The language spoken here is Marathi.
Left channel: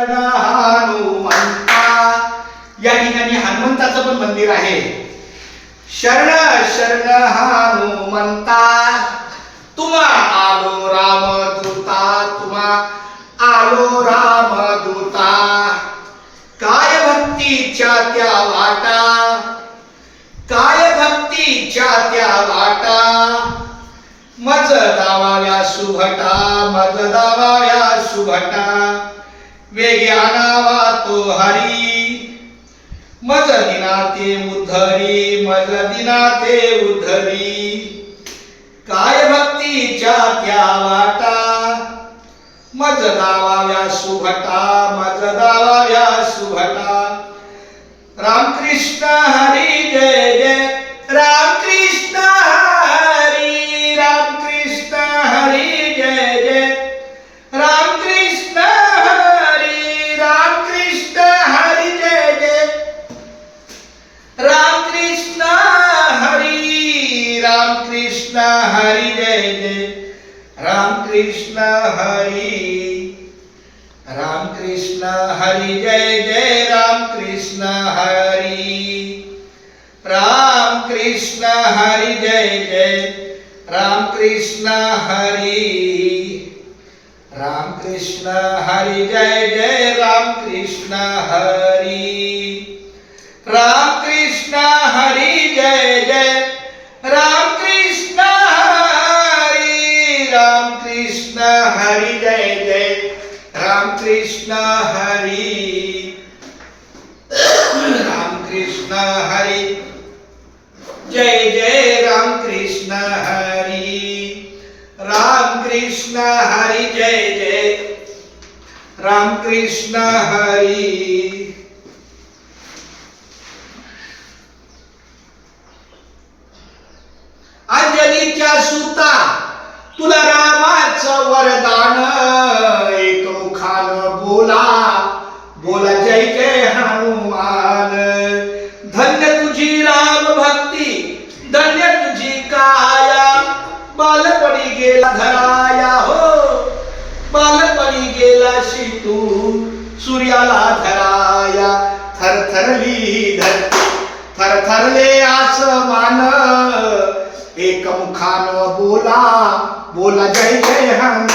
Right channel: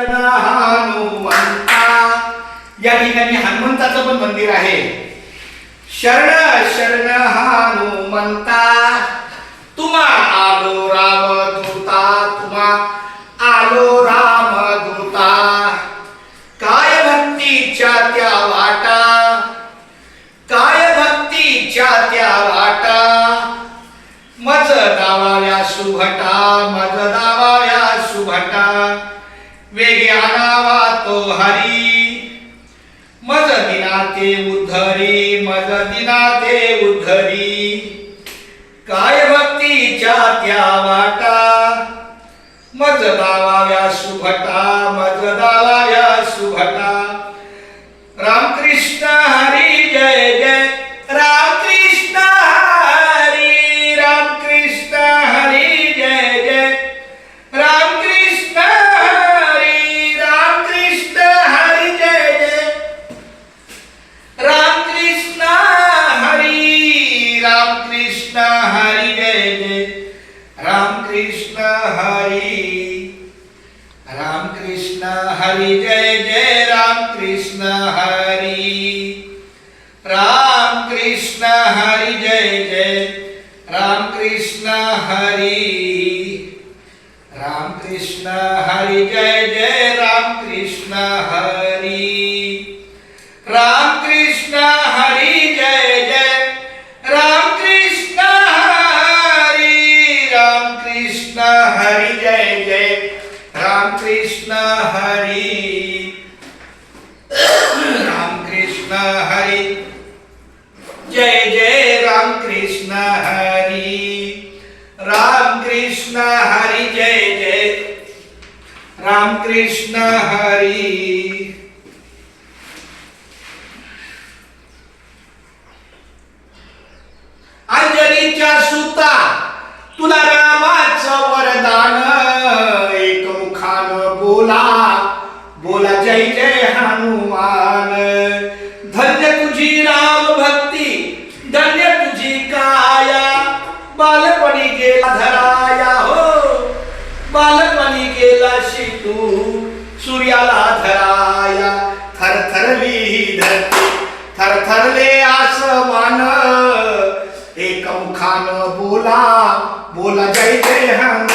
हनुमंता या ठिकाणी हनुमंताचं पण मंदिर आहे. शरण शरण हनुमंता तुम्हा आलो रामदूता, तुम्हा आलो रामदूता. काय भक्तीच्या त्या वाटा, काय भक्तीच्या त्या वाटा. मज दावाव्या सुभटा, मज दावाव्या सुभटा. वेगे आणावा तो हरी, मज दिना ते उद्धरी, मज दिना ते उद्धरी. काय भक्तीच्या त्या वाटा, मज दावाव्या सुभटा, मज दावाव्या सुभटा. रामकृष्ण हरी जय जय, रामकृष्ण हरी, रामकृष्ण हरी जय जय, रामकृष्ण हरी, रामकृष्ण हरी जय जय, रामकृष्ण हरी, रामकृष्ण हरी जय जय, रामकृष्ण हरी, रामकृष्ण हरी जय जय, रामकृष्ण हरी, रामकृष्ण हरी जय जय, रामकृष्ण हरी, रामकृष्ण हरी जय जय, रामकृष्ण हरी, रामकृष्ण हरी जय जय, रामकृष्ण हरी, रामकृष्ण हरी जय जय, रामकृष्ण हरी, रामकृष्ण हरी जय जय, रामकृष्ण हरी, रामकृष्ण हरी जय जय, रामकृष्ण हरी. अंजलीच्या सुता तुला रामाचं वरदान, एकमुखानं बोला बोला जय जय हनुमान. धन्य तुझी राम भक्ती, धन्य तुझी काया. बालपणी गेला धराया हो, बालपणी गेला शितू सूर्याला धराया. थरथरली धरती, थरथरले आसमान. एकमुखानं बोला बोला जय जय हनुमान.